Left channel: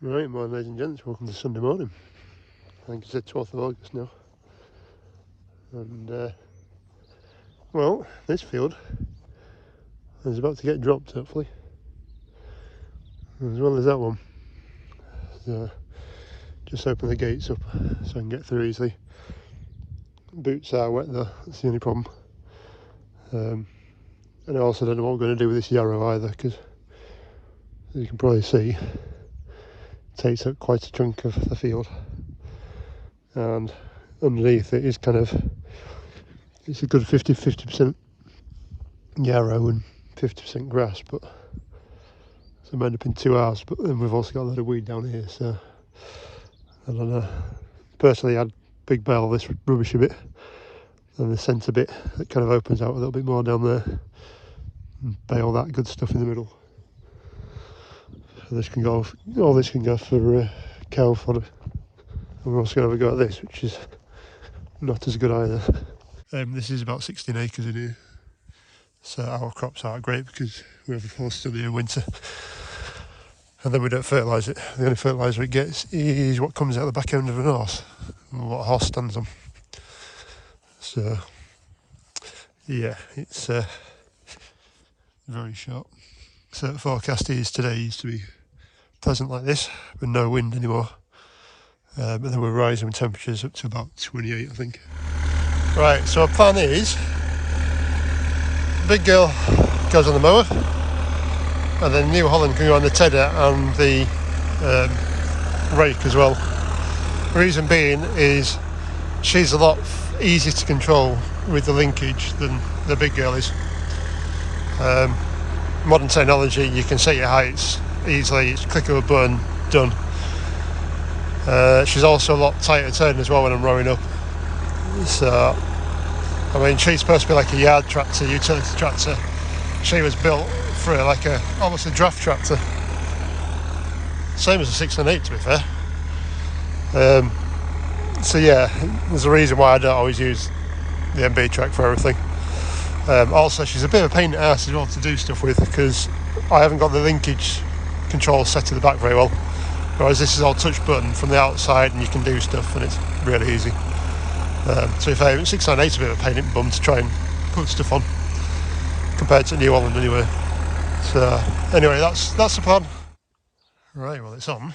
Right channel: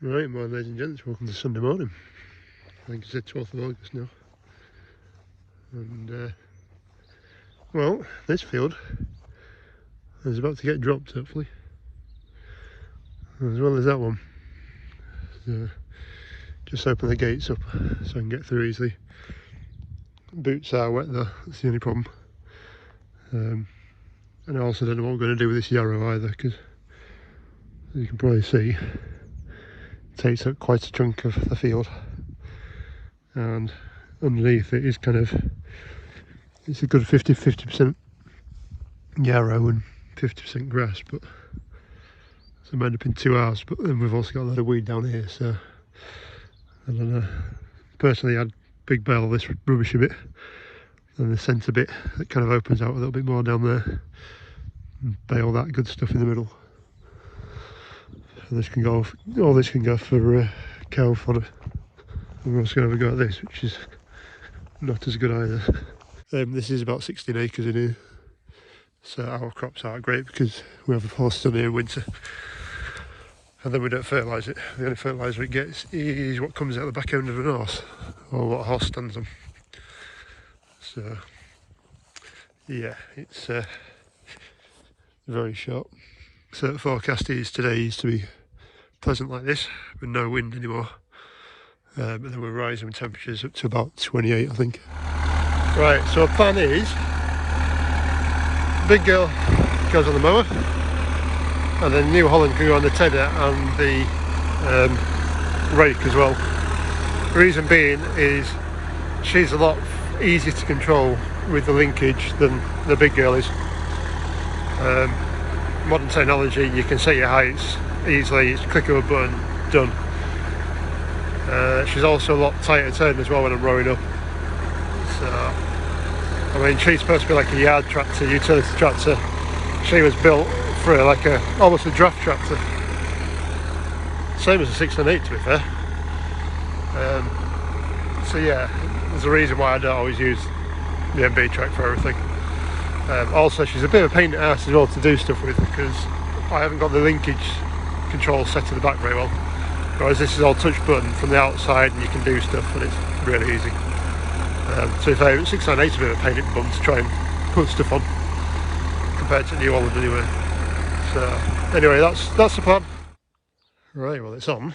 Right, morning ladies and gents, welcome to Sunday morning. I think it's the 12th of August now. And, well, this field is about to get dropped, hopefully. As well as that one. So, just open the gates up so I can get through easily. Boots are wet though, that's the only problem. And I also don't know what I'm going to do with this yarrow either, because as you can probably see, takes up quite a chunk of the field, and underneath it is it's a good 50% yarrow and 50% grass, but so it might have been 2 hours. But then we've also got a lot of weed down here, so I don't know. Personally, I'd big bale this rubbish a bit, and the centre bit that kind of opens out a little bit more down there, and bale that good stuff in the middle. This can go, all this can go for cow fodder. And we're also going to have a go at this, which is not as good either. This is about 16 acres in here, so our crops aren't great because we have a horse still here in winter, and then we don't fertilise it. The only fertiliser it gets is what comes out the back end of an horse, or what a horse stands on. So yeah, it's very short. So the forecast is today used to be pleasant like this, with no wind anymore. But then we're rising temperatures up to about 28, I think. Right, so our plan is, big girl goes on the mower, and then New Holland can go on the tedder and the rake as well. The reason being is she's a lot easier to control with the linkage than the big girl is. Modern technology, you can set your heights easily, it's click of a button, done. She's also a lot tighter turn as well when I'm rowing up. So, I mean, she's supposed to be like a yard tractor, utility tractor. She was built for almost a draft tractor. Same as a 6 and 8, to be fair. So yeah, there's a reason why I don't always use the MB track for everything. Also, she's a bit of a pain in the ass as well to do stuff with, because I haven't got the linkage control set to the back very well. Whereas this is all touch button from the outside, and you can do stuff, and it's really easy. So if 698 is a bit of a pain in the bum to try and put stuff on, compared to New Holland anyway. So anyway, that's the plan. Right, well, it's on.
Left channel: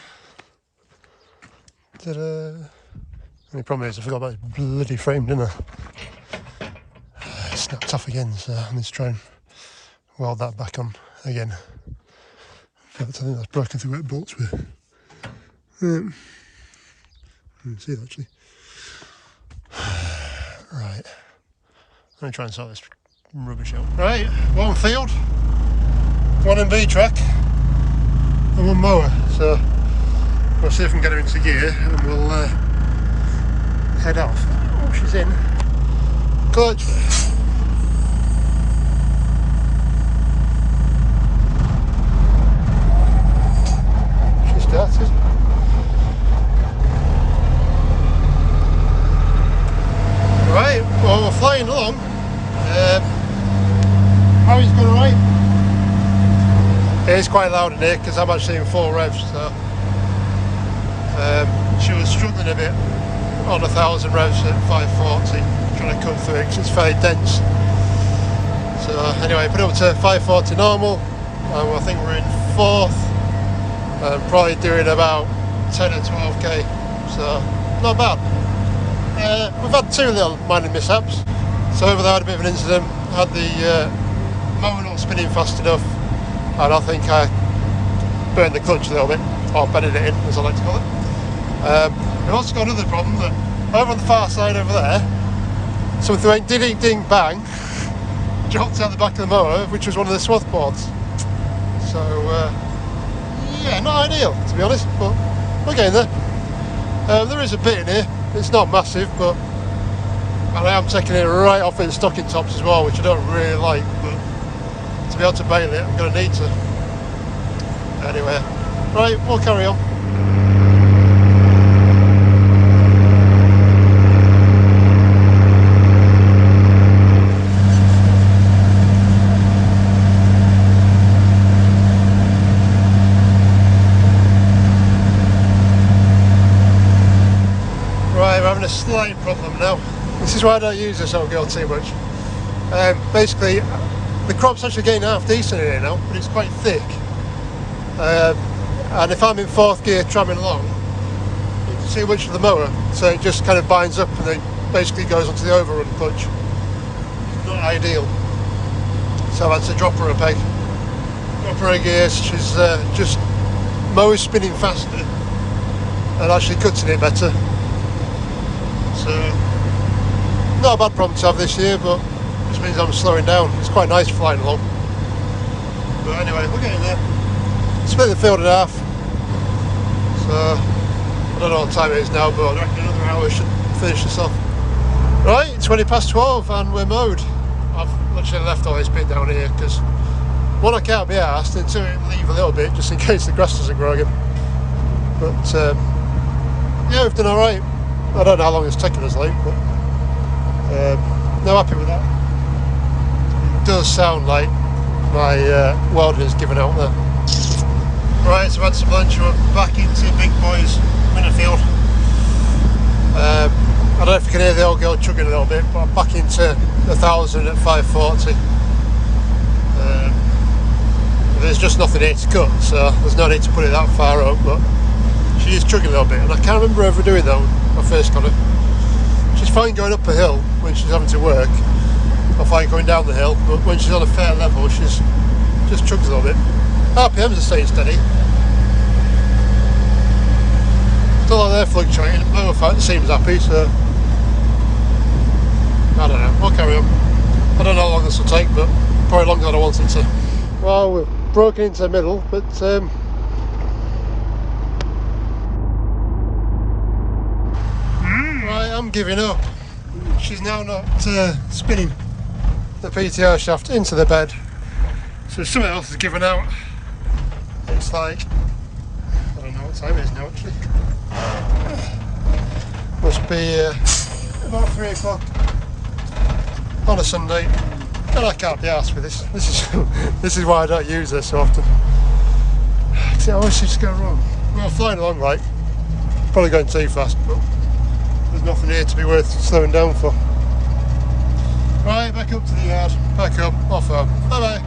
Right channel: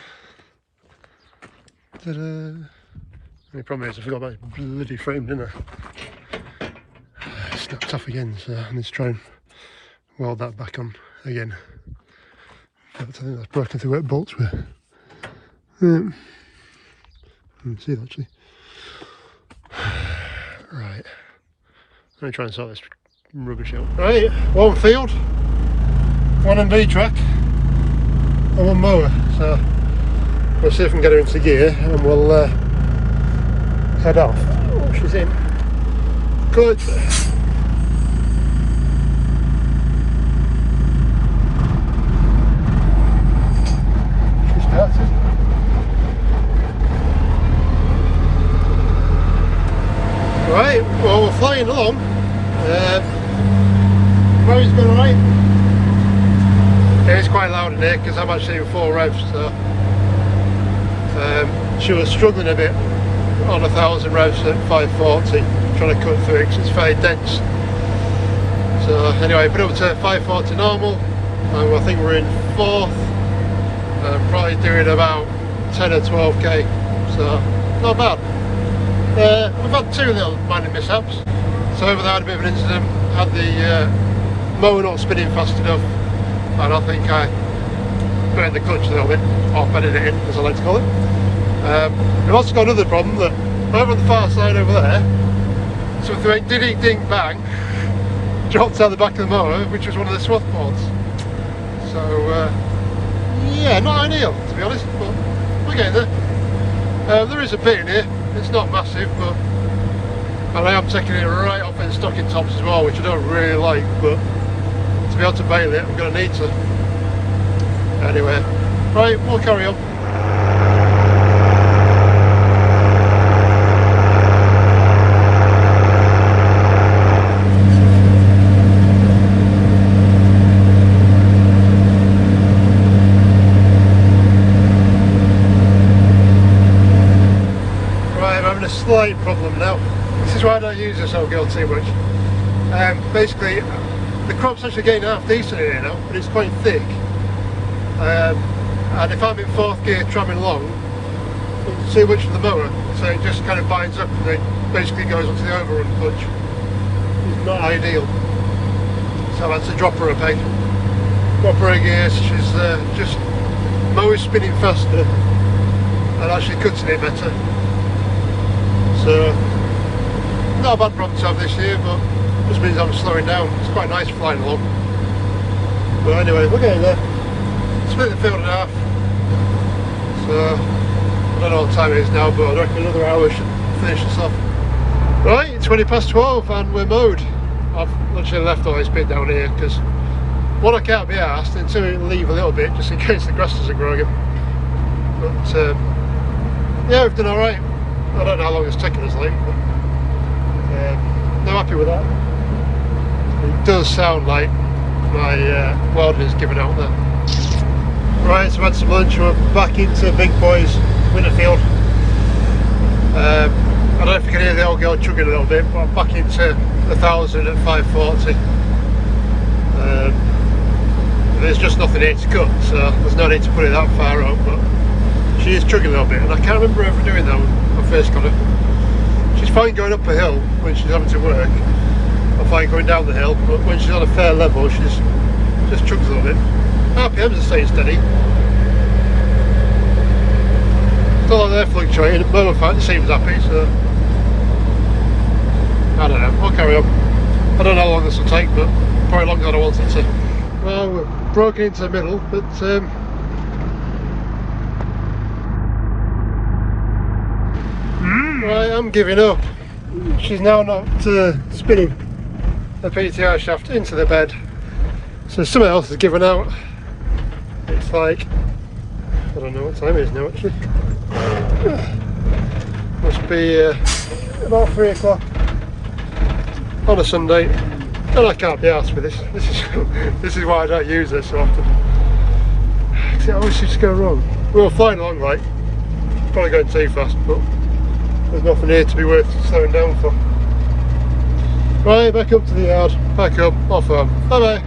Ta-da. The only problem is I forgot about this bloody frame, didn't I? It snapped off again, so I need to try and weld that back on again. But I think that's broken through where it bolts with. See it actually. Right, let me try and sort this rubbish out. Right, one field, one MB track, and one mower. So we'll see if we can get her into gear, and we'll head off. Oh, she's in. Clutch. She started. Right, well, we're flying along. Rowing's going alright. It is quite loud in here because I'm actually in 4 revs, so she was struggling a bit on 1,000 revs at 540, trying to cut through it because it's fairly dense. So anyway, put it up to 540 normal, and I think we're in 4th, probably doing about 10 or 12k, so not bad. We've had 2 little minor mishaps. So over there I had a bit of an incident, had the mower not spinning fast enough, and I think I burnt the clutch a little bit, or bedded it in, as I like to call it. We've also got another problem, that over on the far side over there, something went ding ding bang, dropped out the back of the mower, which was one of the swath boards. So yeah, not ideal to be honest, but we're getting there. There is a bit in here. It's not massive, but and I am taking it right off its stocking tops as well, which I don't really like, but to be able to bale it, I'm going to need to. Anyway, right, we'll carry on. having a slight problem now. This is why I don't use this old girl too much. Basically, the crop's actually getting half decent in here now, but it's quite thick. And if I'm in fourth gear tramming along, it's too much for the mower, so it just kind of binds up and then basically goes onto the overrun clutch. It's not ideal. So I've had to drop her a peg. Drop her a gear, she's just mower spinning faster and actually cutting it better. So, not a bad problem to have this year, but just means I'm slowing down. It's quite nice flying along. But anyway, we're getting there. Split the field in half. So, I don't know what time it is now, but I reckon another hour should finish this off. Right, it's 20 past 12 and we're mowed. I've literally left all this bit down here because one, I can't be arsed until we leave a little bit just in case the grass doesn't grow again. But yeah, we've done alright. I don't know how long it's taken us late, but no, happy with that. It does sound like my welding is giving out there. Right, so I've had some lunch, we're back into Big Boys Winterfield. I don't know if you can hear the old girl chugging a little bit, but I'm back into 1,000 at 540. There's just nothing here to cut, so there's no need to put it that far up, but she is chugging a little bit, and I can't remember ever doing that when I first got her. She's fine going up a hill when she's having to work, or fine going down the hill, but when she's on a fair level, she's just chugs a little bit. RPMs are staying steady. Feel like they're fluctuating, and mower fan seems happy, so I don't know, I'll carry on. I don't know how long this will take, but probably longer than I want it to. Well, we've broken into the middle, but right, I'm giving up. She's now not spinning the PTO shaft into the bed, so something else has given out. It's like, I don't know what time it is now actually. Must be about 3 o'clock on a Sunday, and I can't be arsed with this. This is why I don't use this so often. It always seems to go wrong. We were flying along like, probably going too fast, but there's nothing here to be worth slowing down for. Right, back up to the yard, back up, off home. Bye bye.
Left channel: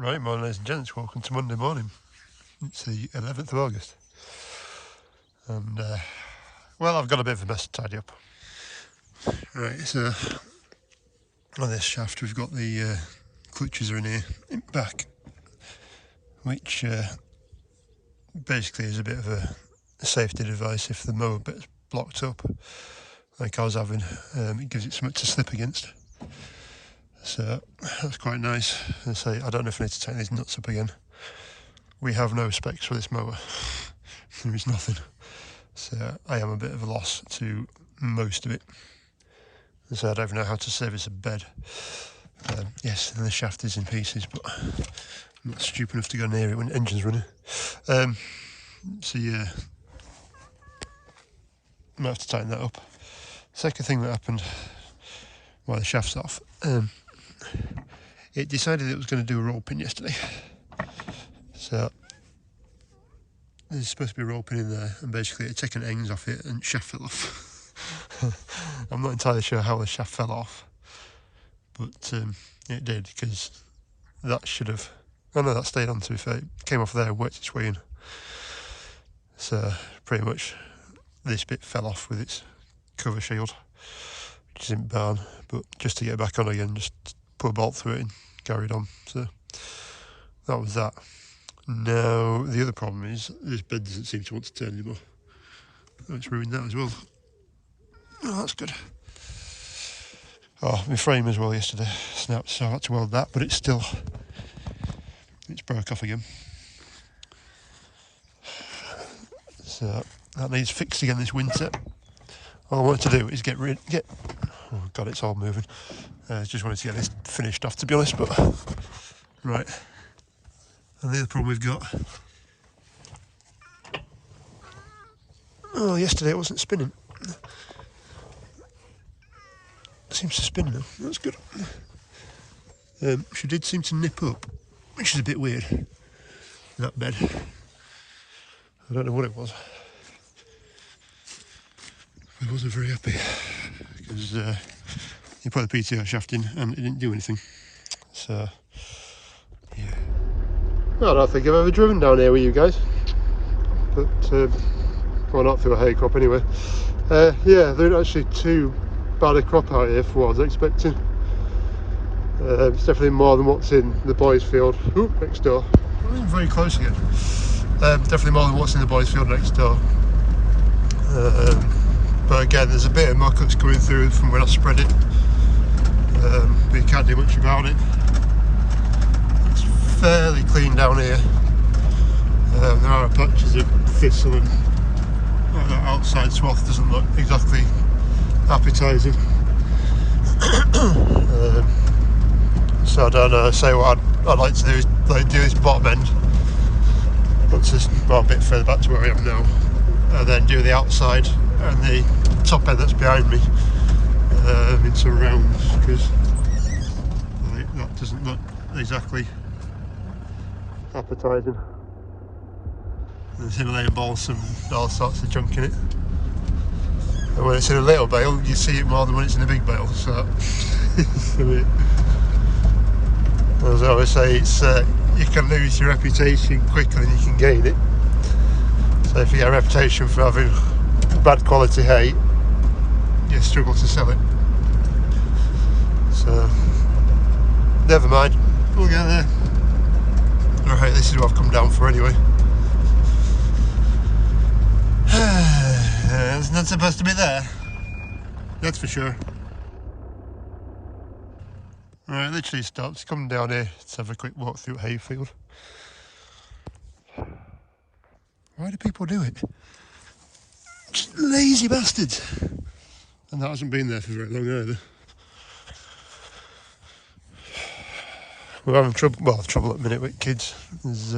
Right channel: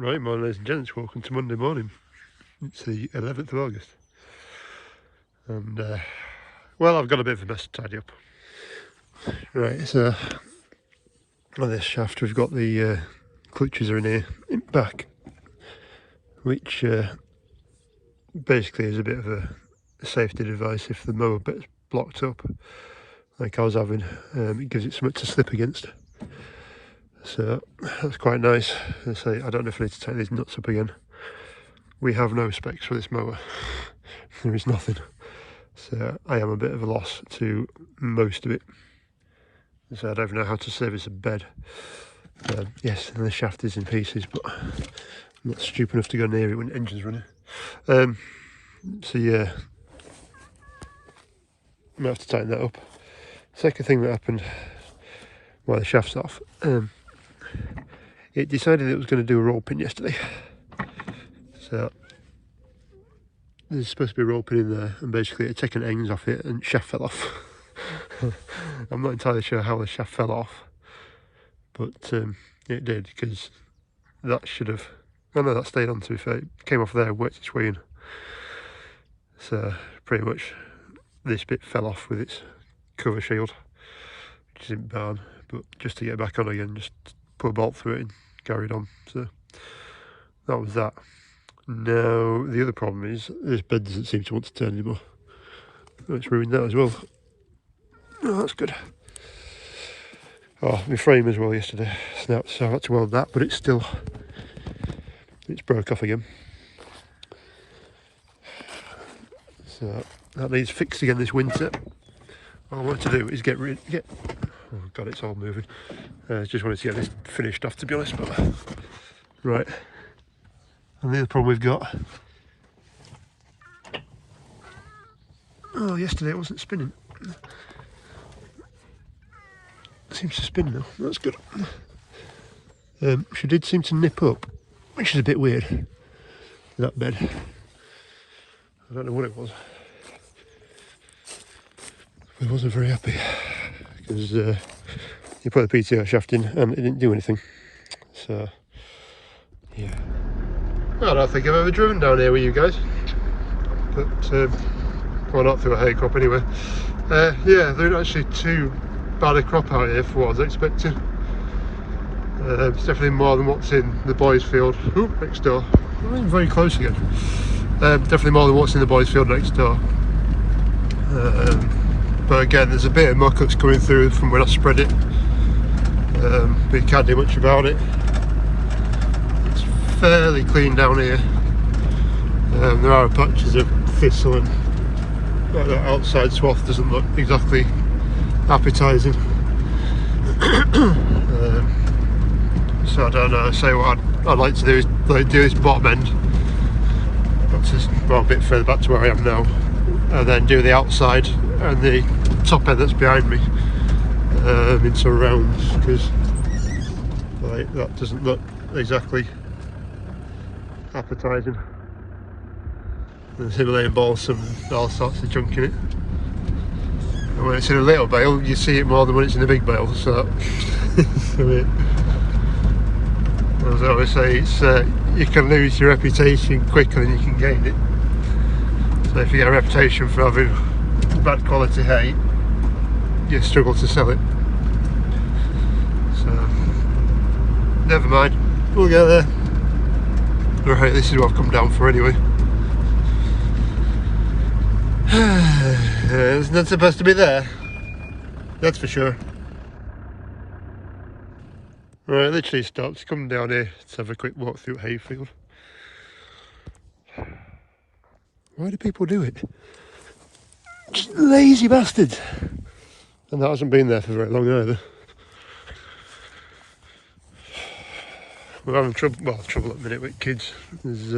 Right, morning ladies and gents, welcome to Monday morning. It's the 11th of August. And, well, I've got a bit of a mess to tidy up. Right, so on this shaft we've got the clutches are in here, in back, which basically is a bit of a safety device if the mower bit's blocked up, like I was having. It gives it something to slip against. So that's quite nice. I say, I don't know if I need to take these nuts up again. We have no specs for this mower. There is nothing. So I am a bit of a loss to most of it. So I don't even know how to service a bed. Yes, and the shaft is in pieces, but I'm not stupid enough to go near it when the engine's running. So yeah, I might have to tighten that up. Second thing that happened while the shaft's off, it decided it was going to do a roll pin yesterday. So there's supposed to be a roll pin in there, and basically it had taken ends off it and shaft fell off. I'm not entirely sure how the shaft fell off, but it did, because that should have, oh no, that stayed on, to be fair. It came off there and worked its way in. So pretty much this bit fell off with its cover shield, which isn't bad, but just to get it back on again, just put a bolt through it and carried on. So that was that. Now the other problem is this bed doesn't seem to want to turn anymore. Oh, it's ruined that as well. Oh, that's good. Oh, my frame as well yesterday snapped, so I had to weld that, but it's broke off again. So that needs fixed again this winter. All I wanted to do is get oh god, it's all moving. Just wanted to get this finished off, to be honest, but right. And the other problem we've got, oh, yesterday it wasn't spinning. It seems to spin now, that's good. She did seem to nip up, which is a bit weird, that bed. I don't know what it was. I wasn't very happy, because you put the PTO shaft in and it didn't do anything. So, yeah. Well, I don't think I've ever driven down here with you guys, but well, not through a hay crop anyway. Yeah, there ain't actually too bad a crop out here for what I was expecting. It's definitely more than what's in the boys' field. Oop, next door. I'm in very close again. Definitely more than what's in the boys' field next door. But again, there's a bit of muck that's coming through from when I spread it. But you can't do much about it. It's fairly clean down here. There are patches of thistle, and like that outside swath doesn't look exactly appetising. So I don't know, say what I'd like to do is do this bottom end, once it's a bit further back to where I am now, and then do the outside and the top end that's behind me into a round, because like, that doesn't look exactly appetising. There's Himalayan balsam and all sorts of junk in it. And when it's in a little bale, you see it more than when it's in a big bale. So, as I always say, it's you can lose your reputation quicker than you can gain it. So if you get a reputation for having bad quality hay, you struggle to sell it. So, never mind, we'll get there. Right, this is what I've come down for anyway. It's not supposed to be there, that's for sure. Right, literally stopped, come down here to have a quick walk through hayfield. Why do people do it? Just lazy bastards. And that hasn't been there for very long either. We're having trouble, well, trouble at the minute with kids. There's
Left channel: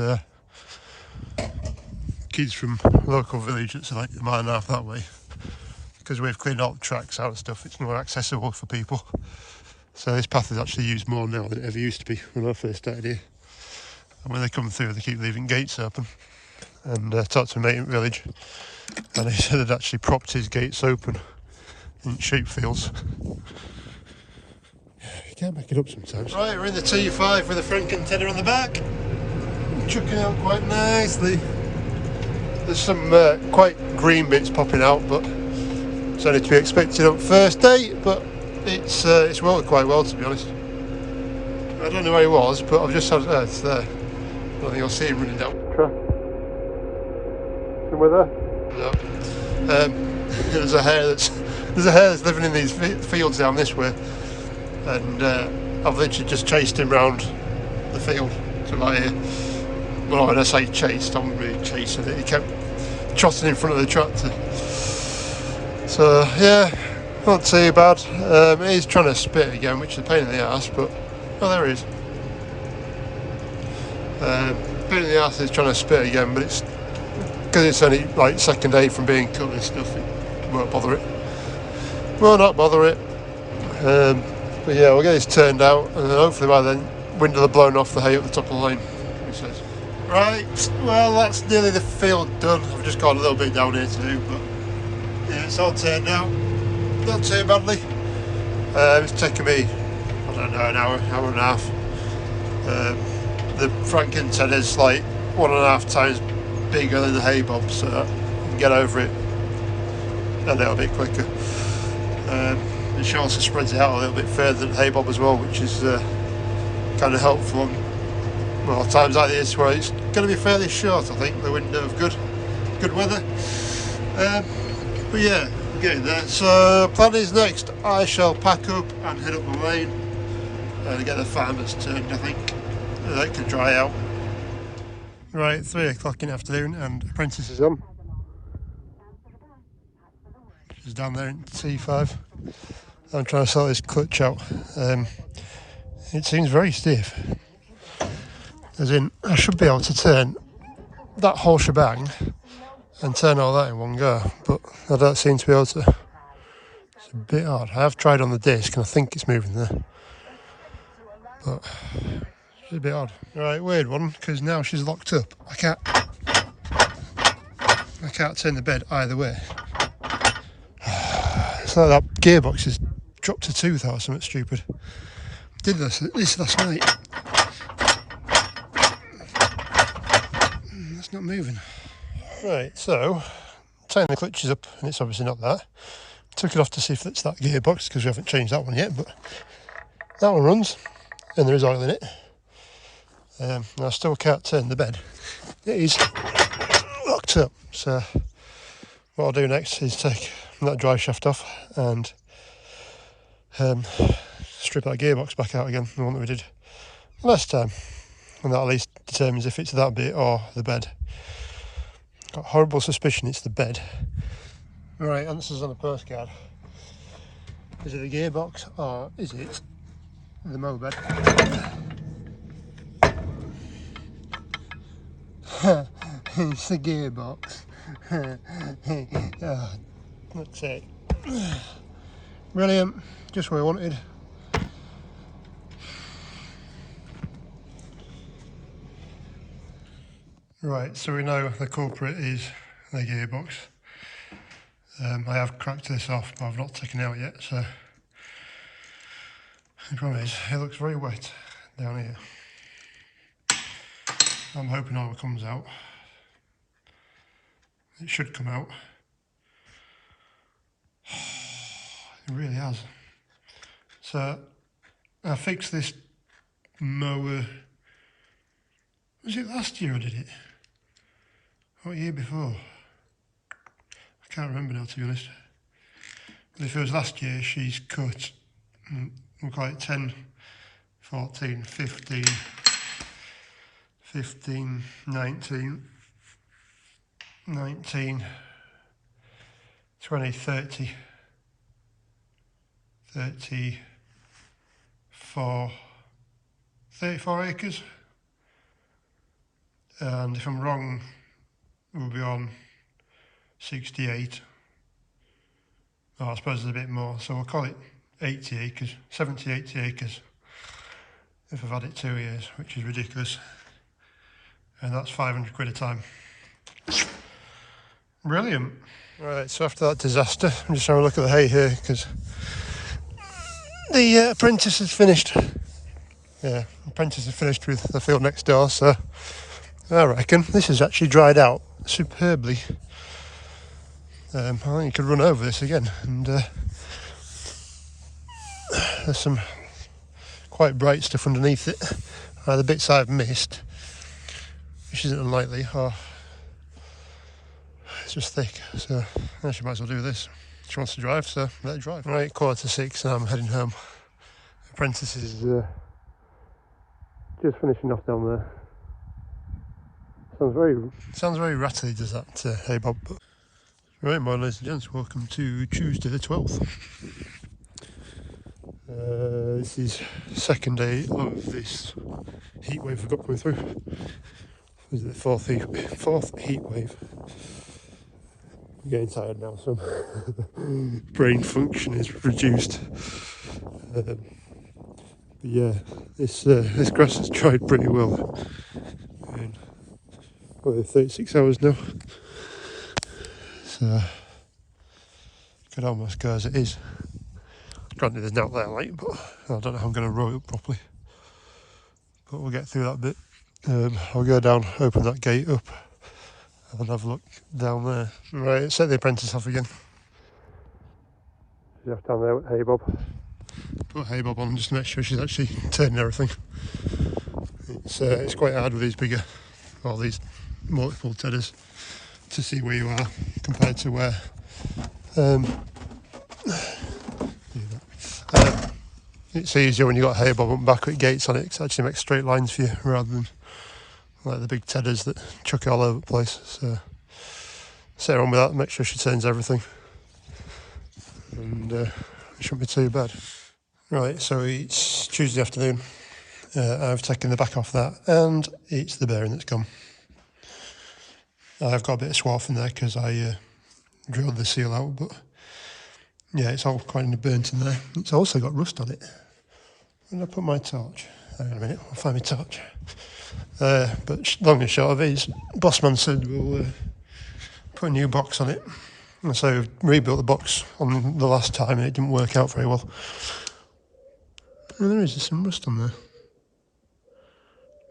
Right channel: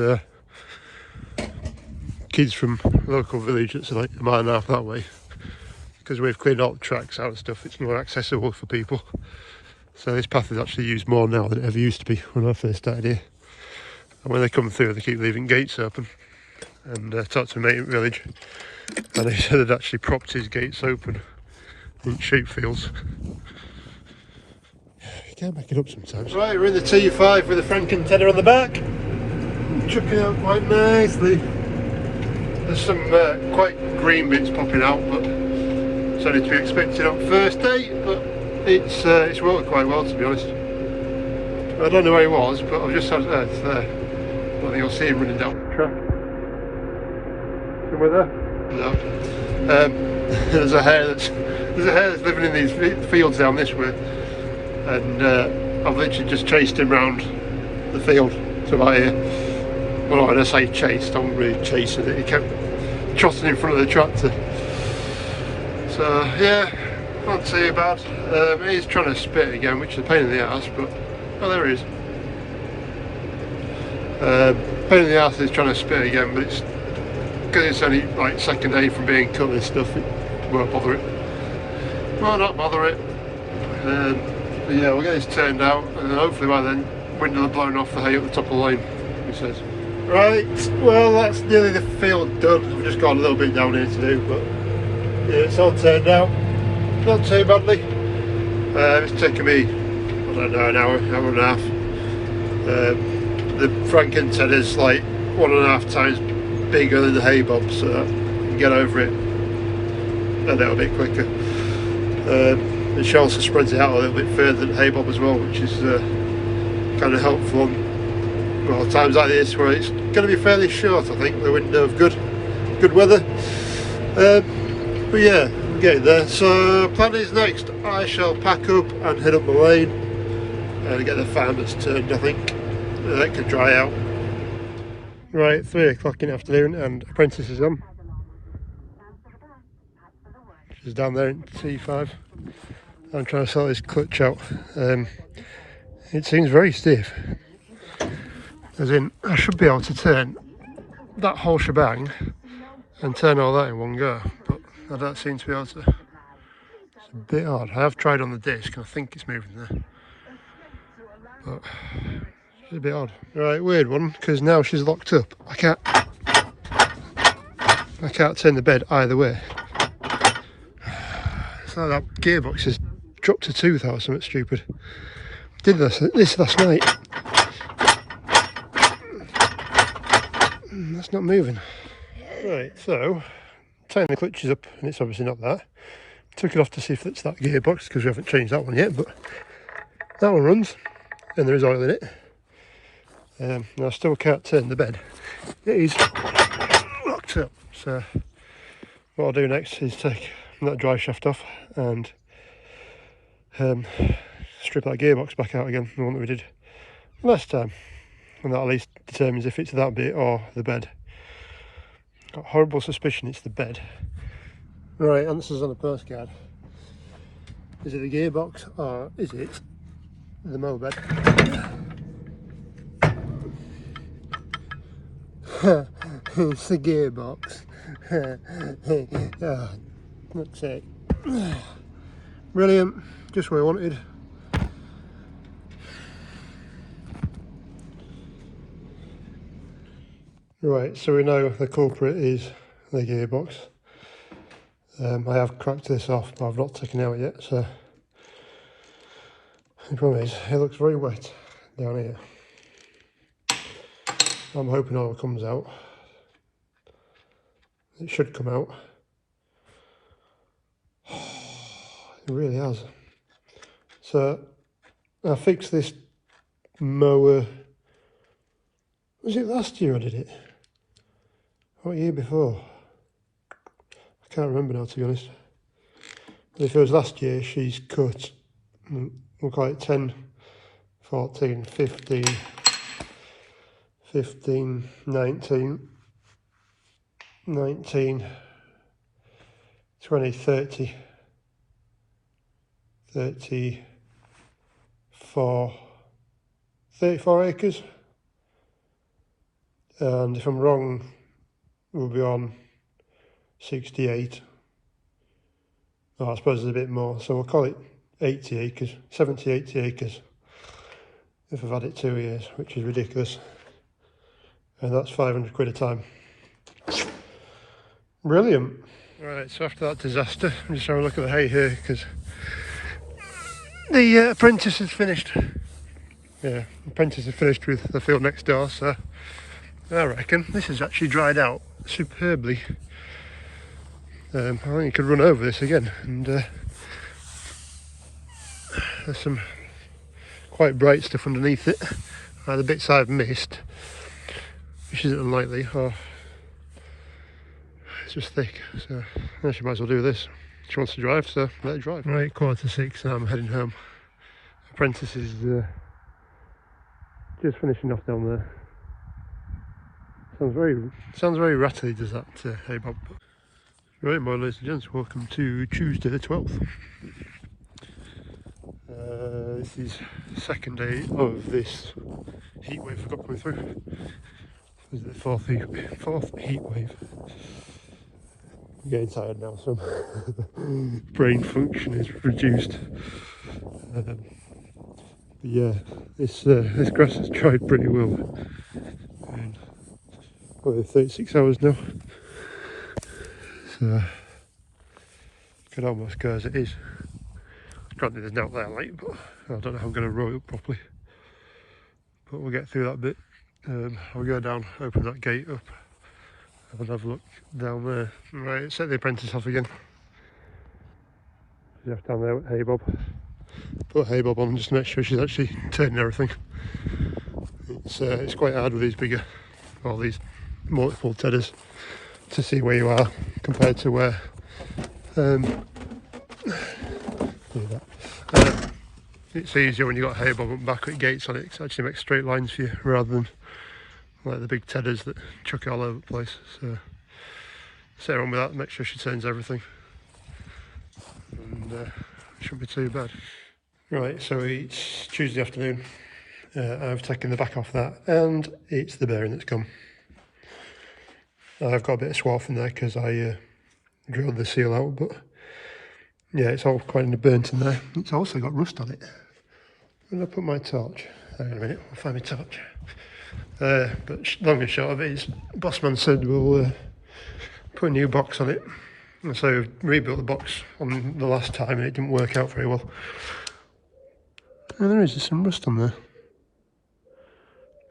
kids from a local village that's like a mile and a half that way. Because we've cleaned all the tracks out and stuff, it's more accessible for people. So this path is actually used more now than it ever used to be when I first started here. And when they come through, they keep leaving gates open. And talked to a mate in the village, and he said they'd actually propped his gates open in sheep fields. You can't back it up sometimes. Right, we're in the T5 with a Franken tenor on the back. Chucking out quite nicely. There's some quite green bits popping out, but it's only to be expected on first day, but it's worked quite well, to be honest. I don't know where he was, but I've just had it's there. I think I'll see him running down the track. Somewhere there? No. There's a hare that's living in these fields down this way, and I've literally just chased him round the field to about here. Well, when I say chased, I'm really chasing it. He kept trotting in front of the tractor. So yeah, not too bad. He's trying to spit again, which is a pain in the ass, but oh, there he is. Pain in the ass is trying to spit again, but it's because it's only like second day from being cut and stuff. It won't bother it. Will not bother it. But yeah, we'll get this turned out, and hopefully by then wind will have blown off the hay at the top of the lane, he says. Right, well that's nearly the field done. We've just got a little bit down here to do, but yeah, it's all turned out. Not too badly. It's taken me, I don't know, an hour and a half. The Franken tender's like 1.5 times bigger than the hay bob, so you can get over it a little bit quicker. It also spreads it out a little bit further than the hay bob as well, which is kind of helpful on, well, times like this where it's going to be fairly short, I think, the window of good weather. But yeah, I'm getting there. So plan is next I shall pack up and head up the lane and get the farmers turned, I think. That could dry out. Right, 3 o'clock in the afternoon and apprentice is on. She's down there in T5. I'm trying to sort this clutch out. It seems very stiff. As in, I should be able to turn that whole shebang and turn all that in one go, but I don't seem to be able to. It's a bit odd. I have tried on the disc and I think it's moving there, but it's a bit odd. Right, weird one, because now she's locked up. I can't turn the bed either way. It's like that gearbox has dropped a tooth out or something stupid. Did this last night. That's not moving. Right, so tying the clutches up, and it's obviously not that. Took it off to see if it's that gearbox, because we haven't changed that one yet, but that one runs and there is oil in it. And I still can't turn the bed. It is locked up, so what I'll do next is take that drive shaft off and strip that gearbox back out again, the one that we did last time, and that at least determines if it's that bit or the bed. Got a horrible suspicion it's the bed. Right, answers on the postcard. Is it the gearbox or is it the mow bed? It's the gearbox. Oh, that's it. Brilliant, just what I wanted. Right, so we know the culprit is the gearbox. I have cracked this off, but I've not taken it out yet, so the problem is it looks very wet down here. I'm hoping oil comes out. It should come out. It really has. So I fixed this mower. Was it last year I did it? What year before? I can't remember now, to be honest. But if it was last year, she's cut, we'll call it 10, 14, 15, 15, 19, 19, 20, 30, 34 acres. And if I'm wrong, we'll be on 68. Oh, I suppose there's a bit more, so we'll call it 80 acres, 70, 80 acres if I've had it 2 years, which is ridiculous. And that's 500 quid a time. Brilliant. Right, so after that disaster, I'm just having a look at the hay here, because the apprentice has finished. Yeah, apprentice has finished with the field next door, so I reckon this has actually dried out superbly. I think you could run over this again, and there's some quite bright stuff underneath it. The bits I've missed, which isn't unlikely, or it's just thick, so she might as well do this. She wants to drive, so let her drive. Right, 5:45 and I'm heading home. apprentice is just finishing off down there. Sounds very rattly, does that hay bob? But right, my ladies and gents, welcome to Tuesday the 12th. This is second day of this heat wave we've got coming through. This is the fourth heat wave. I'm getting tired now, so brain function is reduced. But yeah, this grass has dried pretty well. Probably 36 hours now. So could almost go as it is. Granted, there's not there light, but I don't know how I'm going to row it up properly. But we'll get through that bit. I'll go down, open that gate up, and have a look down there. Right, set the apprentice off again. She's off down there with hay bob. Put hay bob on just to make sure she's actually turning everything. It's quite hard with these bigger, or these multiple tedders, to see where you are compared to where. It's easier when you've got hay bob and backlit gates on it, because it actually makes straight lines for you rather than like the big tedders that chuck it all over the place. So set her on with that, make sure she turns everything, and it shouldn't be too bad. Right, so it's Tuesday afternoon. I've taken the back off that, and it's the bearing that's gone. I've got a bit of swarf in there because I drilled the seal out, but yeah, it's all quite burnt in there. It's also got rust on it. Where did I put my torch? Hang on a minute, I'll find my torch. But long and short of it is, Bossman said we'll put a new box on it. And so we rebuilt the box on the last time and it didn't work out very well. And there is just some rust on there.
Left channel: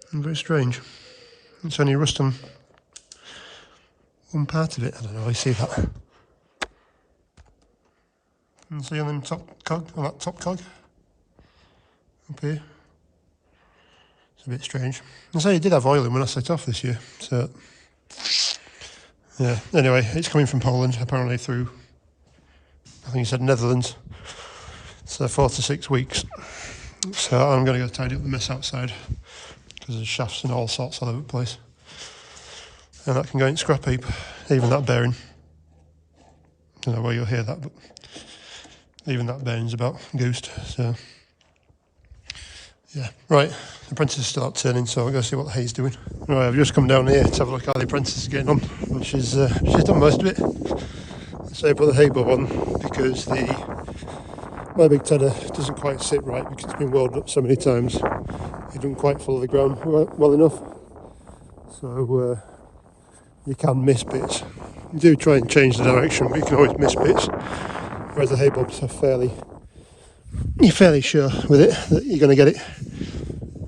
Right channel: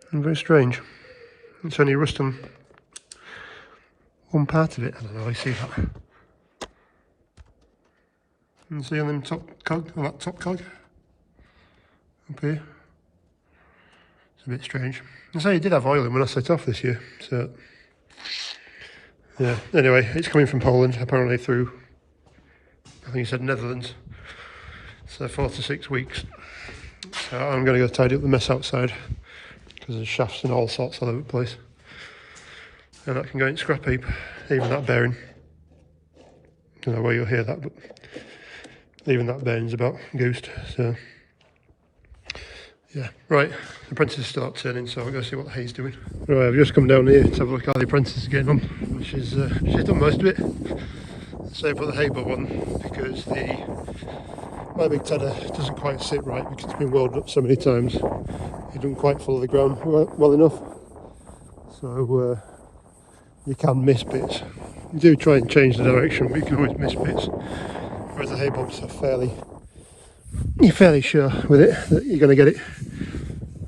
And very strange. It's only rust on one part of it. I don't know how you see that. And see on them top cog, on that top cog up here. It's a bit strange. I say it did have oil in when I set off this year, so yeah. Anyway, it's coming from Poland, apparently through, I think he said Netherlands. So 4 to 6 weeks. So I'm going to go tidy up the mess outside because there's shafts and all sorts all over the place. And that can go in scrap heap, even that bearing. I don't know where you'll hear that, but even that bearing's about goosed, so yeah. Right, the apprentice is still out turning, so I'll go see what the hay's doing. Right, I've just come down here to have a look at how the apprentice is getting on, and she's done most of it. So I put the hay bob on because my big tedder doesn't quite sit right because it's been welded up so many times. It doesn't quite follow the ground well enough, so you can miss bits. You do try and change the direction, but you can always miss bits. Whereas the hay bobs are you're fairly sure with it that you're going to get it.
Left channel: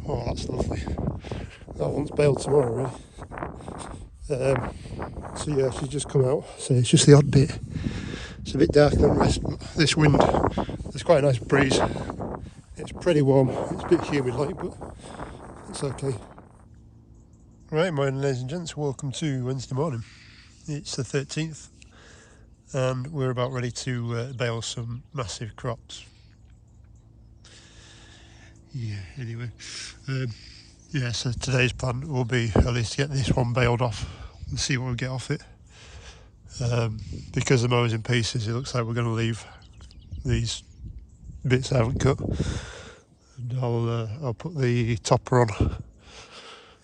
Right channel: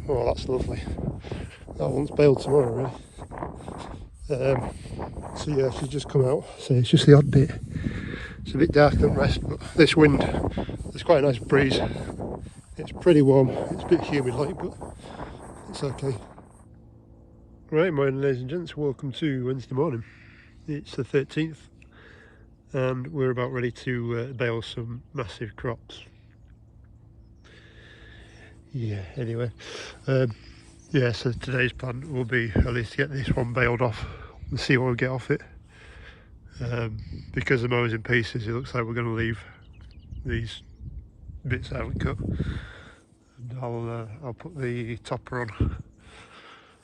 Oh, that's lovely. That one's baled tomorrow, right? So yeah, she's just come out, so it's just the odd bit. It's a bit darker than the rest, but this wind, there's quite a nice breeze. It's pretty warm, it's a bit humid like, but it's okay. Right, morning ladies and gents, welcome to Wednesday morning. It's the 13th. And we're about ready to bale some massive crops. Yeah, anyway. Yeah, so today's plan will be at least to get this one baled off and see what we get off it. Because the mower's in pieces, it looks like we're going to leave these bits I haven't cut. And I'll put the topper on,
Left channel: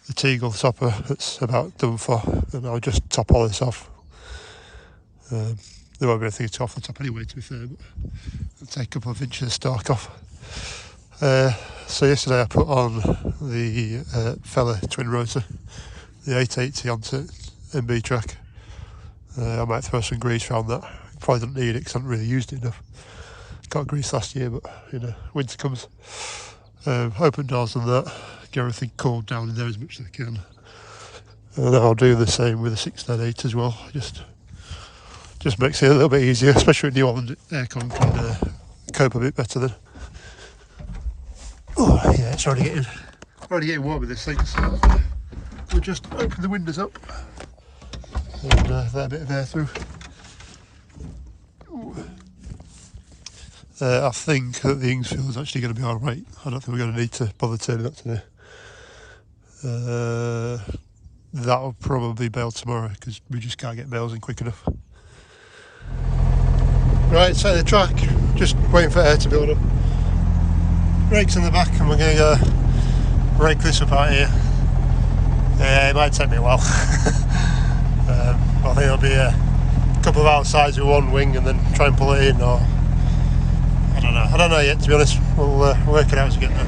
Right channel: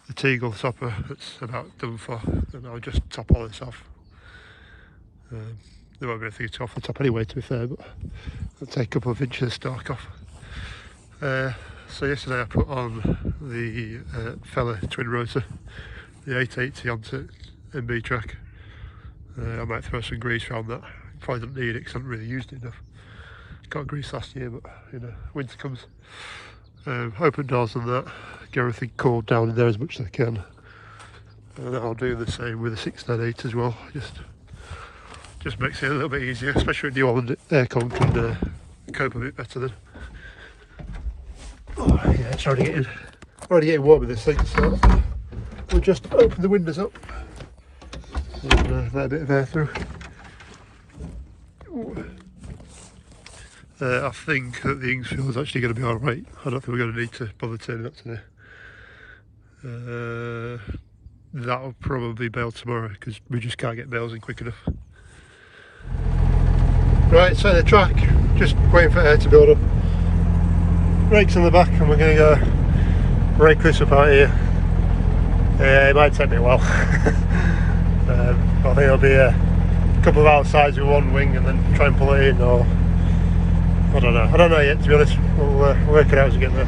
the Teagle topper that's about done for, and I'll just top all this off. There won't be anything to off the top anyway, to be fair, but I'll take a couple of inches of stalk off. So yesterday I put on the Fella twin rotor, the 880 onto MB trac. I might throw some grease around that. Probably don't need it because I haven't really used it enough. Got grease last year, but you know, winter comes. Open doors on that, get everything cooled down in there as much as I can. And I'll do the same with the 698 as well. Just makes it a little bit easier, especially with New Holland aircon can cope a bit better then. Oh yeah, it's already getting warm in this thing, so we'll just open the windows up and let a bit of air through. Ooh. I think that the Ingsfield's actually going to be alright. I don't think we're going to need to bother turning up today. That'll probably bale tomorrow because we just can't get bales in quick enough. Right, so the track, just waiting for air to build up. Brakes on the back and we're going to go rake this up out here. It might take me a while. I think it'll be a couple of outsides with one wing and then try and pull it in, or I don't know yet, to be honest. We'll work it out as we get there.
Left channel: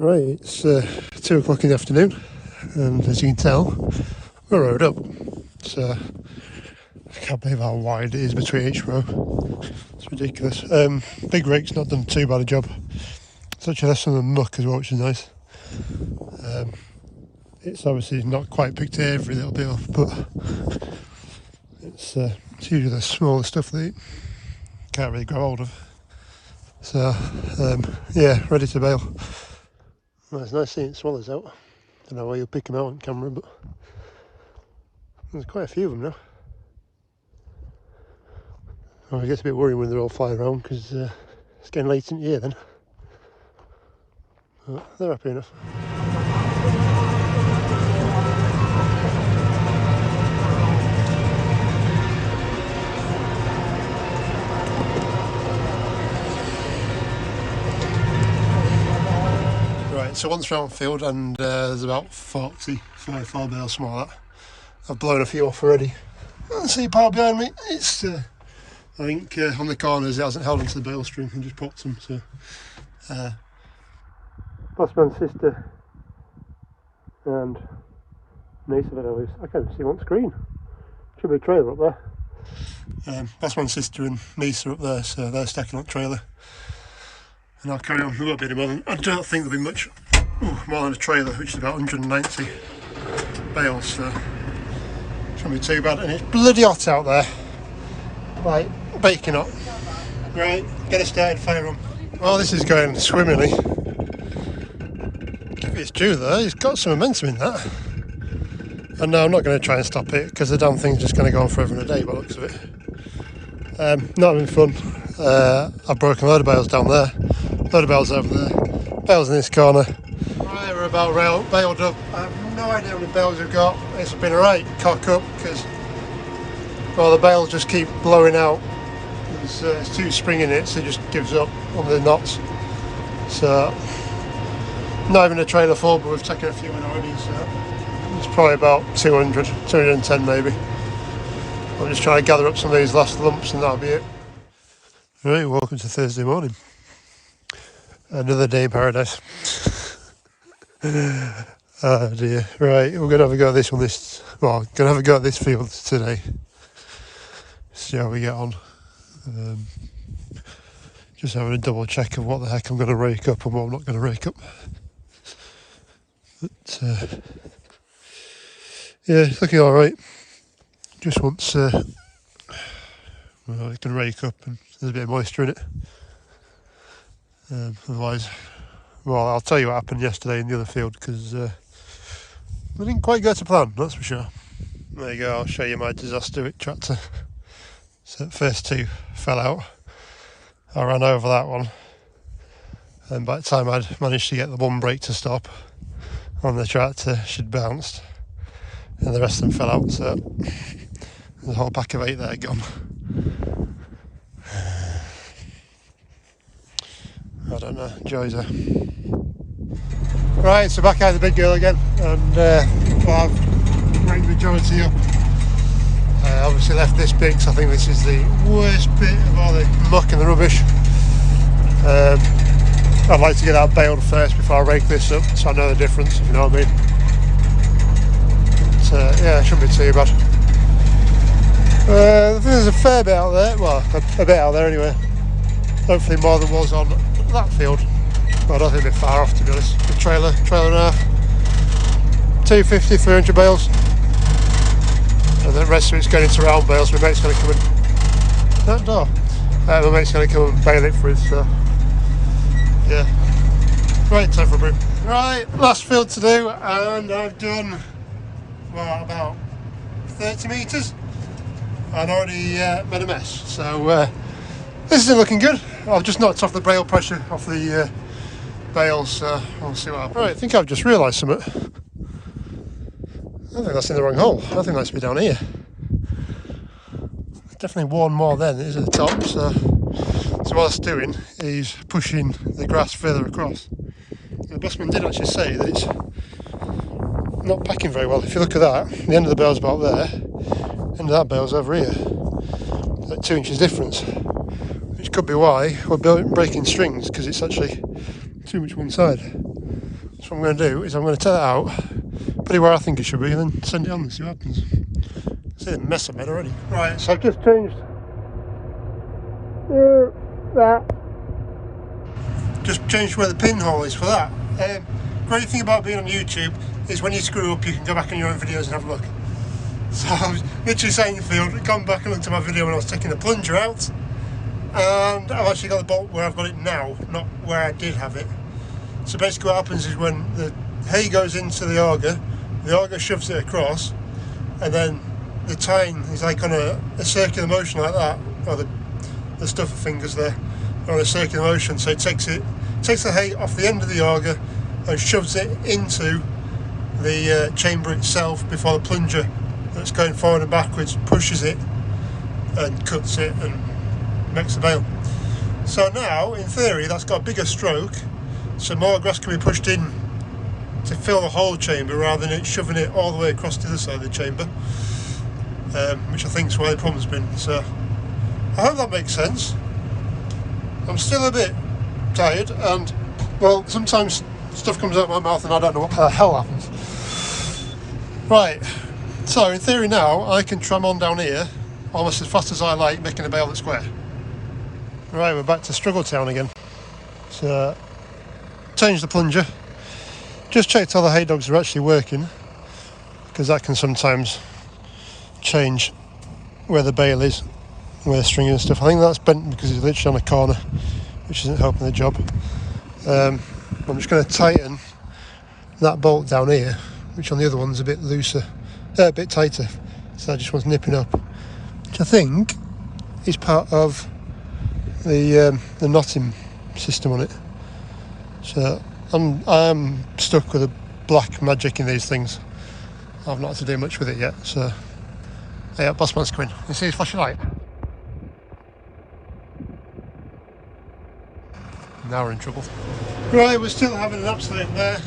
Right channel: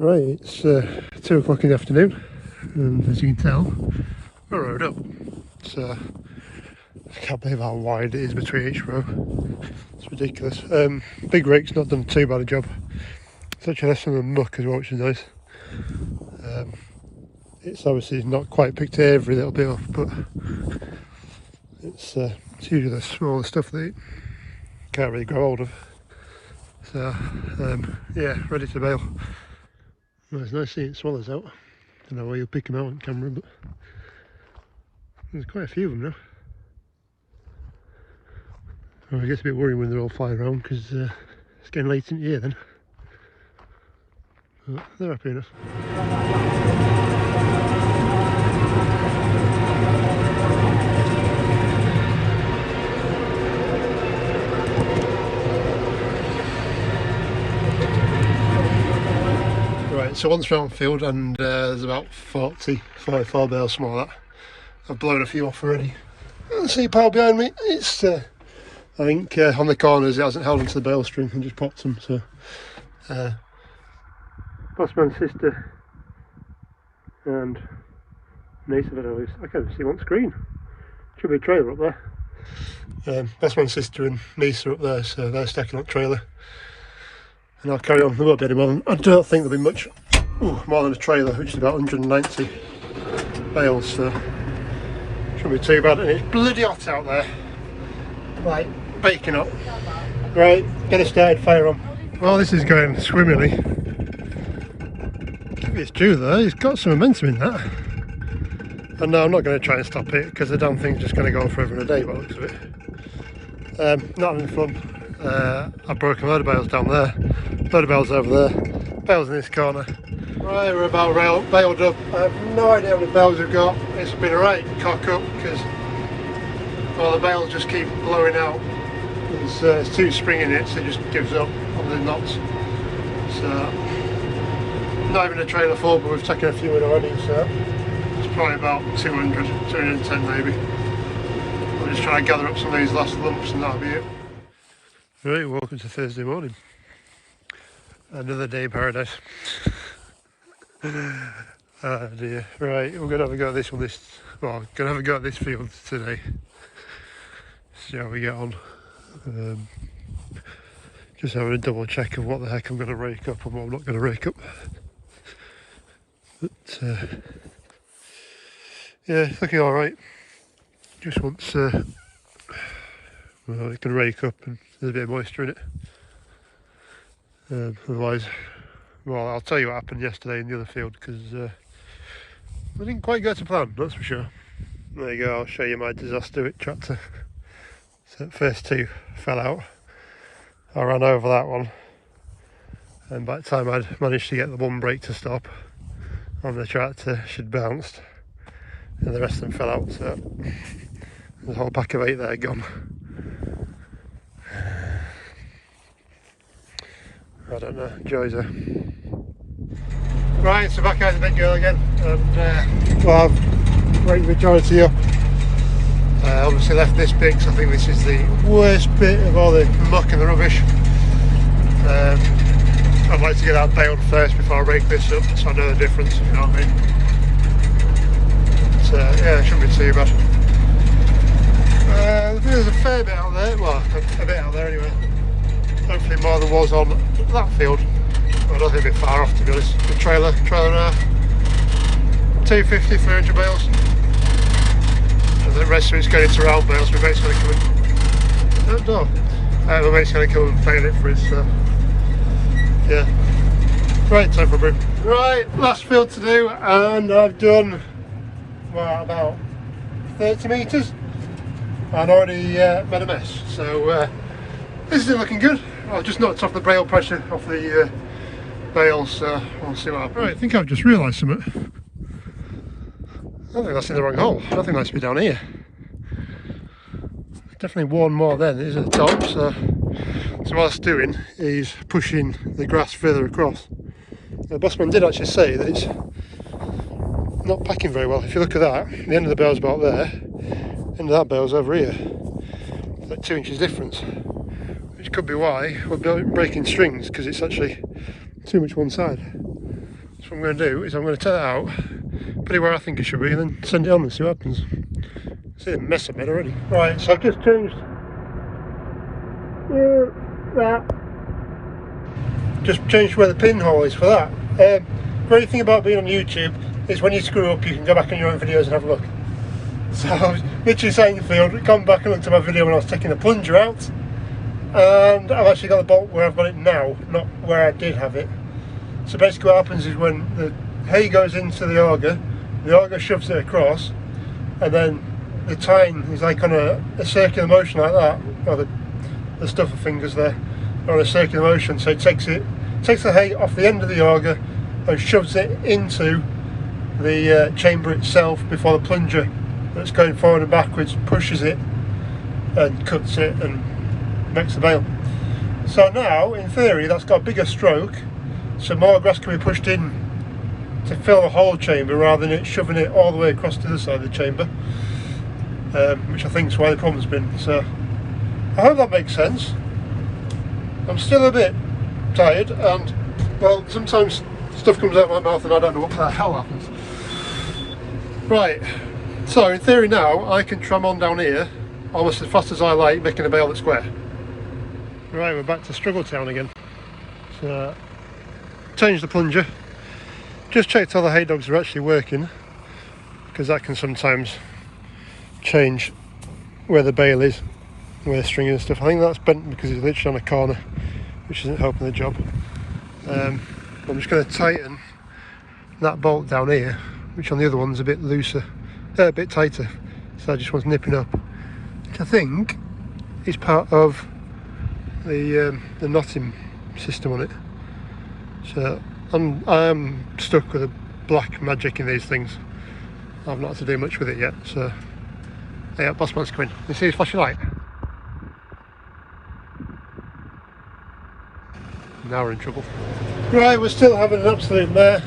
Right, it's 2 o'clock in the afternoon, and as you can tell, we're rowed up. So I can't believe how wide it is between each row. It's ridiculous. Big rake's not done too bad a job. It's actually less than the muck as well, which is nice. It's obviously not quite picked every little bit off, but it's usually the smaller stuff that you can't really grow hold of. So yeah, ready to bail. Well, it's nice seeing swallows out. I don't know where you'll pick them out on camera, but there's quite a few of them now. Well, I guess a bit worrying when they're all flying around because it's getting late in the year then. But they're happy enough. Right, so one's round field and there's about 44 bales, something like that. I've blown a few off already. And see pile behind me, it's I think on the corners it hasn't held onto the bale string and just popped them, so Bossman's sister and niece of it at least. I can't see one screen. Should be a trailer up there. Bossman's sister and niece are up there, so they're stacking up trailer. And I'll carry on, there won't be any more. I don't think there'll be much more than a trailer, which is about 190 bales, so shouldn't be too bad. And it's bloody hot out there, like baking hot. Right, get it started, fire on. Well, this is going swimmingly. It's true though, it's got some momentum in that. And no, I'm not going to try and stop it because the damn thing's just going to go on forever and a day by the looks of it. Not having fun. I've broken a load of bales down there, a load of bales over there, bales in this corner. Right, we're about bailed up. I have no idea how many bales we've got. It's been a right cock up because, well, the bales just keep blowing out. It's too spring in it, so it just gives up on the knots. So not even a trailer full, but we've taken a few in already, so it's probably about 200, 210 maybe. I'll just try to gather up some of these last lumps and that'll be it. Right, welcome to Thursday morning. Another day in paradise. Oh dear. Right, we're going to have a go at this one going to have a go at this field today. See how we get on. Just having a double check of what the heck I'm going to rake up and what I'm not going to rake up. But yeah, it's looking alright. Just wants it can rake up and there's a bit of moisture in it. Otherwise, well, I'll tell you what happened yesterday in the other field, because we didn't quite go to plan, that's for sure. There you go, I'll show you my disaster with tractor. So the first two fell out. I ran over that one, and by the time I'd managed to get the one brake to stop on the tractor, she'd bounced, and the rest of them fell out. So there's a whole pack of 8 there gone. I don't know, joys there. Right, so back out the big girl again, and well, I've raked the majority up. Obviously left this bit because I think this is the worst bit of all the muck and the rubbish. I'd like to get that baled first before I rake this up, so I know the difference, if you know what I mean. So yeah, it shouldn't be too bad. There's a fair bit out there, well, a bit out there anyway. Hopefully more than was on that field. Well, I don't think a bit far off, to be honest. The trailer and a half. 250, 300 bales. And the rest of it's going into round bales. My mate's going to come and... my mate's going to come and bale it for us, so... yeah. Right, time for a brew. Right, last field to do, and I've done, well, about 30 metres. And already made a mess. So, this isn't looking good. I've just knocked off the bale pressure off the bales, so we'll see what happens. Right, I think I've just realised something. I think that's in the wrong hole. I think that should be down here. It's definitely worn more than it is at the top, so what it's doing is pushing the grass further across. The bossman did actually say that it's not packing very well. If you look at that, the end of the bale's about there, the end of that bale's over here. Like 2 inches difference. Which could be why we're breaking strings, because it's actually too much one side. So what I'm going to do is I'm going to take that out, put it where I think it should be, and then send it on and see what happens. See a mess I made already. Right, so I've just changed that. Just changed where the pinhole is for that. Great thing about being on YouTube is when you screw up, you can go back on your own videos and have a look. So I was literally sat in the field, gone back and looked at my video when I was taking the plunger out, and I've actually got the bolt where I've got it now, not where I did have it. So basically what happens is when the hay goes into the auger shoves it across, and then the tine is like on a circular motion like that, or the stuffer fingers there are on a circular motion, so it takes the hay off the end of the auger and shoves it into the chamber itself before the plunger that's going forward and backwards pushes it and cuts it and makes a bale. So now, in theory, that's got a bigger stroke, so more grass can be pushed in to fill the whole chamber rather than it shoving it all the way across to the other side of the chamber, which I think is why the problem's been. So I hope that makes sense. I'm still a bit tired, and well, sometimes stuff comes out of my mouth and I don't know what the hell happens. Right, so in theory now I can tram on down here almost as fast as I like, making a bale that's square. Right, we're back to Struggle Town again. So, changed the plunger. Just checked all the hay dogs are actually working, because that can sometimes change where the bale is, where the string and stuff. I think that's bent because it's literally on a corner, which isn't helping the job. I'm just going to tighten that bolt down here, which on the other one's a bit looser, a bit tighter. So that just wants nipping up, which I think is part of the knotting system on it. So I'm stuck with a black magic in these things. I've not had to do much with it yet. So yeah, bossman's coming. You see his flashing light? Now we're in trouble. Right, we're still having an absolute mare.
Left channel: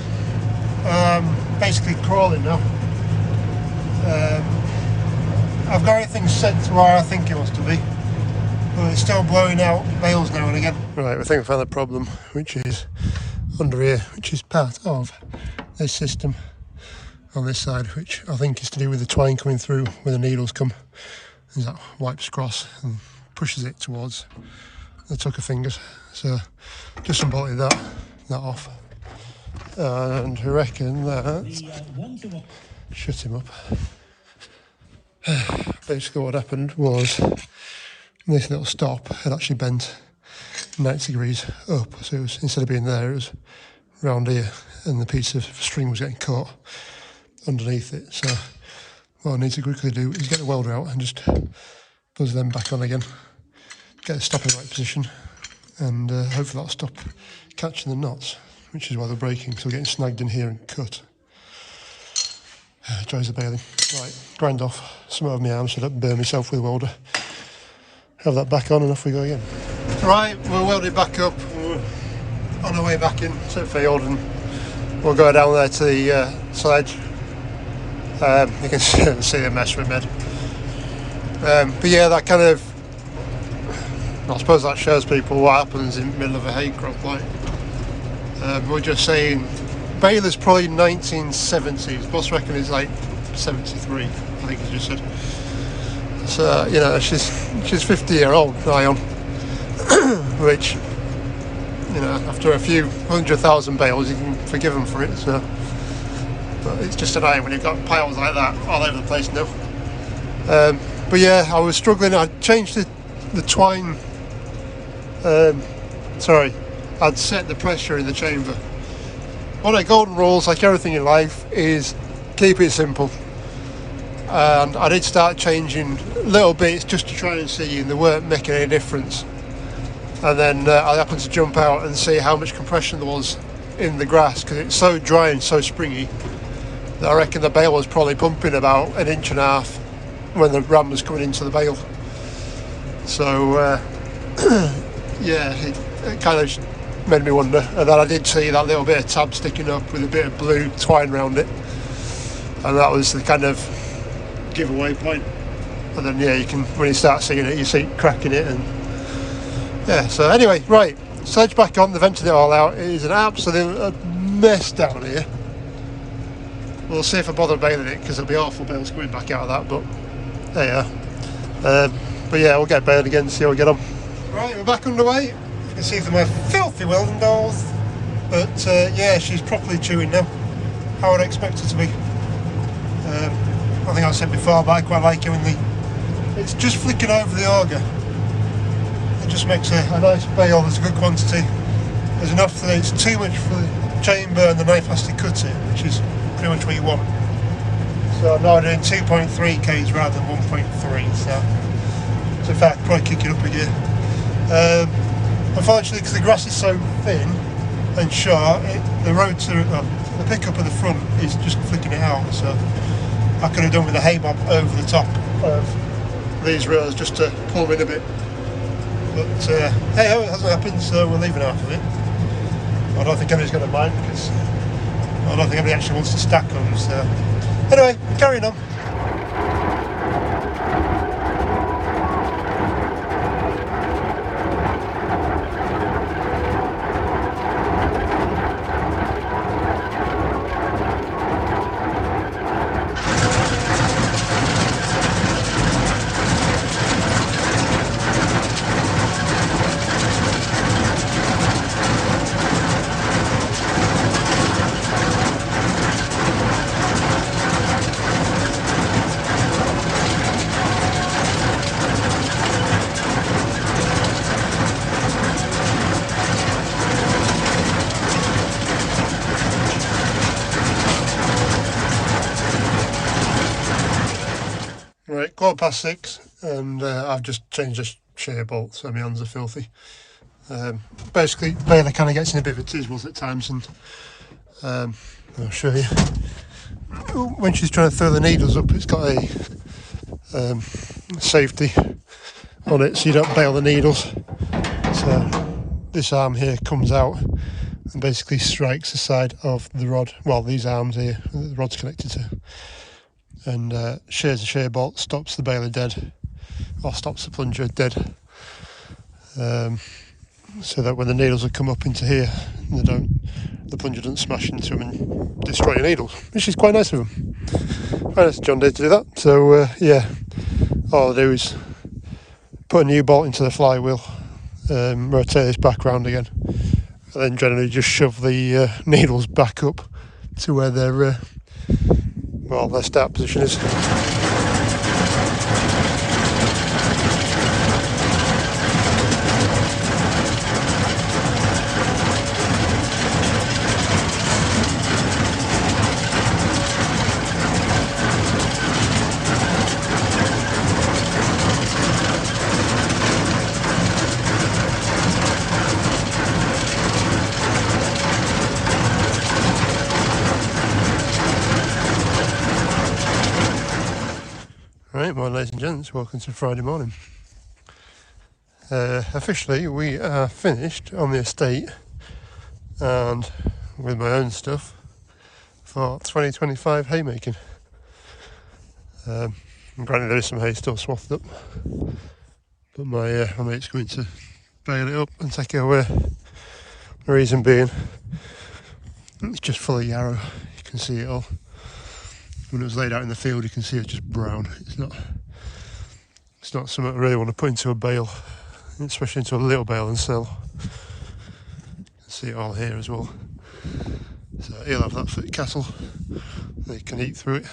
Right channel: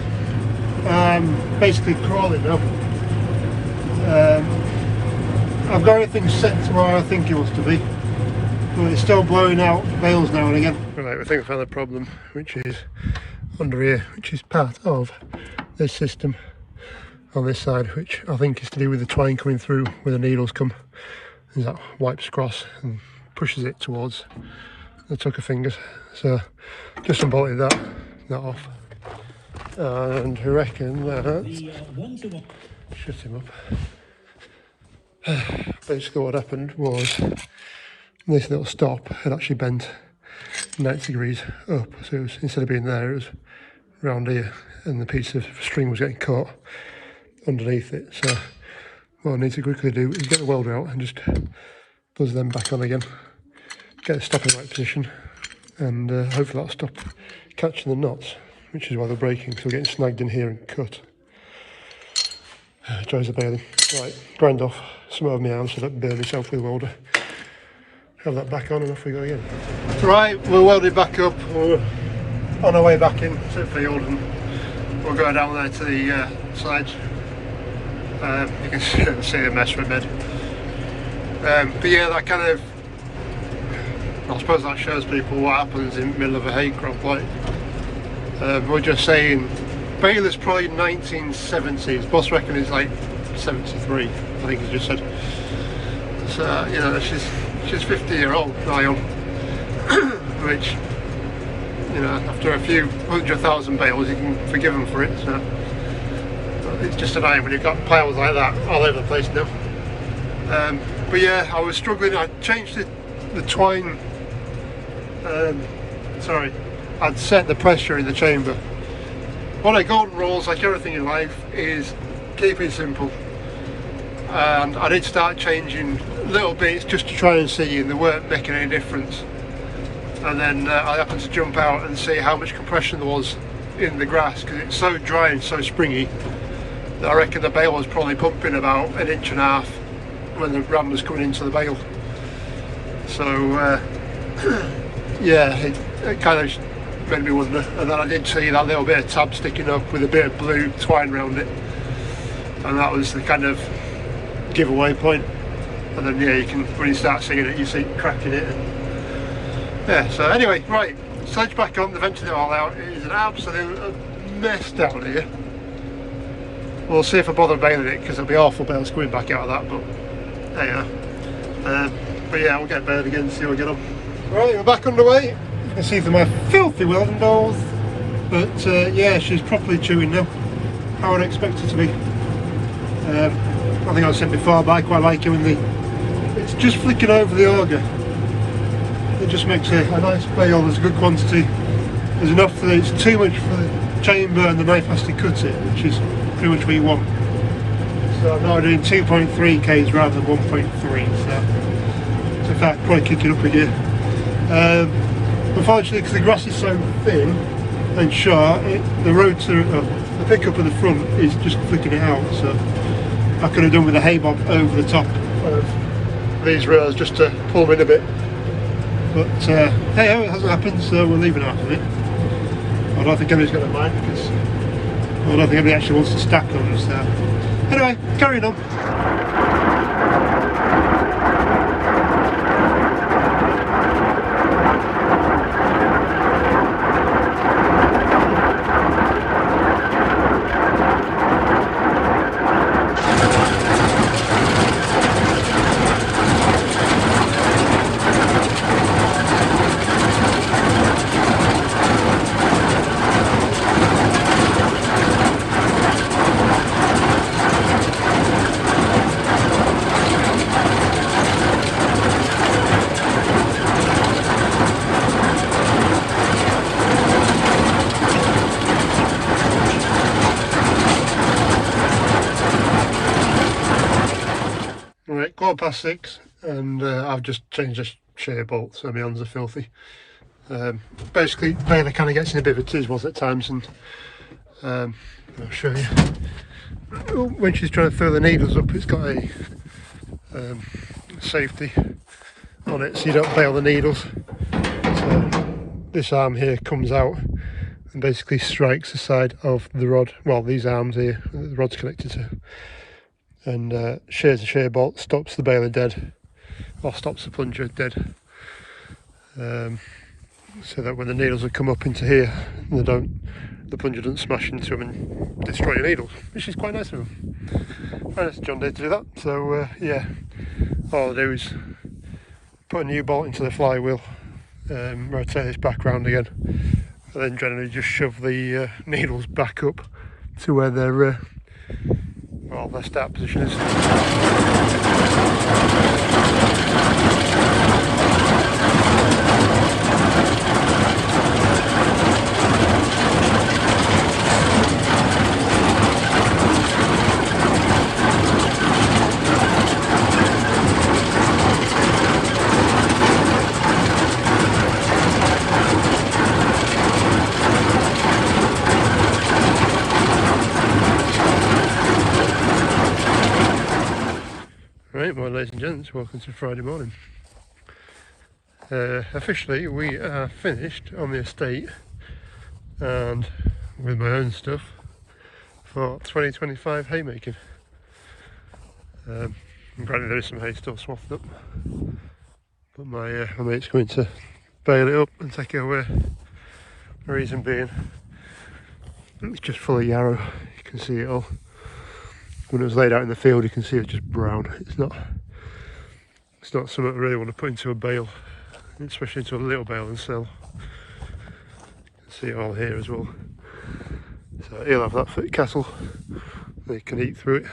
Basically crawling now. I've got everything set to where I think it wants to be, but it's still blowing out bales now and again. Right, I think we found the problem, which is under here, which is part of this system on this side, which I think is to do with the twine coming through where the needles come. And that wipes across and pushes it towards the tucker fingers. So just unbolted that off, and I reckon that shut him up. Basically what happened was this little stop had actually bent 90 degrees up, so it was, instead of being there, it was round here, and the piece of string was getting caught underneath it. So what I need to quickly do is get the welder out and just buzz them back on again, get the stop in the right position, and hopefully that'll stop catching the knots, which is why they're breaking, because we're getting snagged in here and cut. Dries the baling. Right, grind off some of my arms so I don't burn myself with the welder. Have that back on and off we go again. Right, we're welded back up. We're on our way back in to the field, and we'll go down there to the sledge. You can see the mess we made. But yeah, that kind of, I suppose that shows people what happens in the middle of a hay crop. Like, we're just saying, bale is probably 1970s. Boss reckon it's like 73, I think he just said. So, you know, she's 50-year-old, I am. Which, you know, after a few 100,000 bales, you can forgive them for it. So, but it's just annoying when you've got piles like that all over the place now. But yeah, I was struggling. I changed the twine. I'd set the pressure in the chamber. One of the golden rules, like everything in life, is keep it simple. And I did start changing little bits just to try and see, and they weren't making any difference. And then I happened to jump out and see how much compression there was in the grass, because it's so dry and so springy that I reckon the bale was probably pumping about 1.5 inches when the ram was coming into the bale. So yeah, it kind of made me wonder. And then I did see that little bit of tab sticking up with a bit of blue twine around it, and that was the kind of giveaway point. And then yeah, you can, when you start seeing it, you see it cracking it, and yeah. So anyway, right, sledge back on. They vented it all out. It is an absolute mess down here. We'll see if I bother baling it, because it'll be awful bales coming back out of that, but there you are. But yeah, we'll get baled again and see how we get on. Right, we're back underway. You can see from my filthy welding dolls, but yeah, she's properly chewing now, how I'd expect her to be. I think I said before, but I quite like it when it's just flicking over the auger. It just makes a nice bale. There's a good quantity. There's enough that it's too much for the chamber and the knife has to cut it, which is pretty much what you want. So I'm now doing 2.3 Ks rather than 1.3, so in fact probably kick it up a gear. Unfortunately, because the grass is so thin and short, the rotor, the pickup at the front is just flicking it out, so I could have done with a hay bob over the top of these rails just to pull them in a bit. But hey, it hasn't happened, so we're leaving half of it. I don't think anybody's going to mind, because I don't think anybody actually wants to stack on us. So anyway, carrying on. Right, 6:15, and I've just changed the shear bolt, so my hands are filthy. Basically, Layla kind of gets in a bit of a tiz at times, and I'll show you. When she's trying to throw the needles up, it's got a safety on it, so you don't bail the needles. So this arm here comes out, and basically strikes the side of the rod, well, these arms here that the rod's connected to, and shears the shear bolt, stops the baler dead, or stops the plunger dead, so that when the needles would come up into here, the plunger doesn't smash into them and destroy your needles, which is quite nice of them. Quite nice of John Deere to do that. So yeah, all I'll do is put a new bolt into the flywheel, rotate this back round again, and then generally just shove the needles back up to where their start position is. Right, well, ladies and gents, welcome to Friday morning. Officially, we are finished on the estate and with my own stuff for 2025 haymaking. And granted, there is some hay still swathed up, but my mate's going to bale it up and take it away. The reason being, it's just full of yarrow. You can see it all. When it was laid out in the field, you can see it's just brown. It's not something I really want to put into a bale, especially into a little bale and sell. You can see it all here as well. So he'll have that for the cattle. They can eat through it.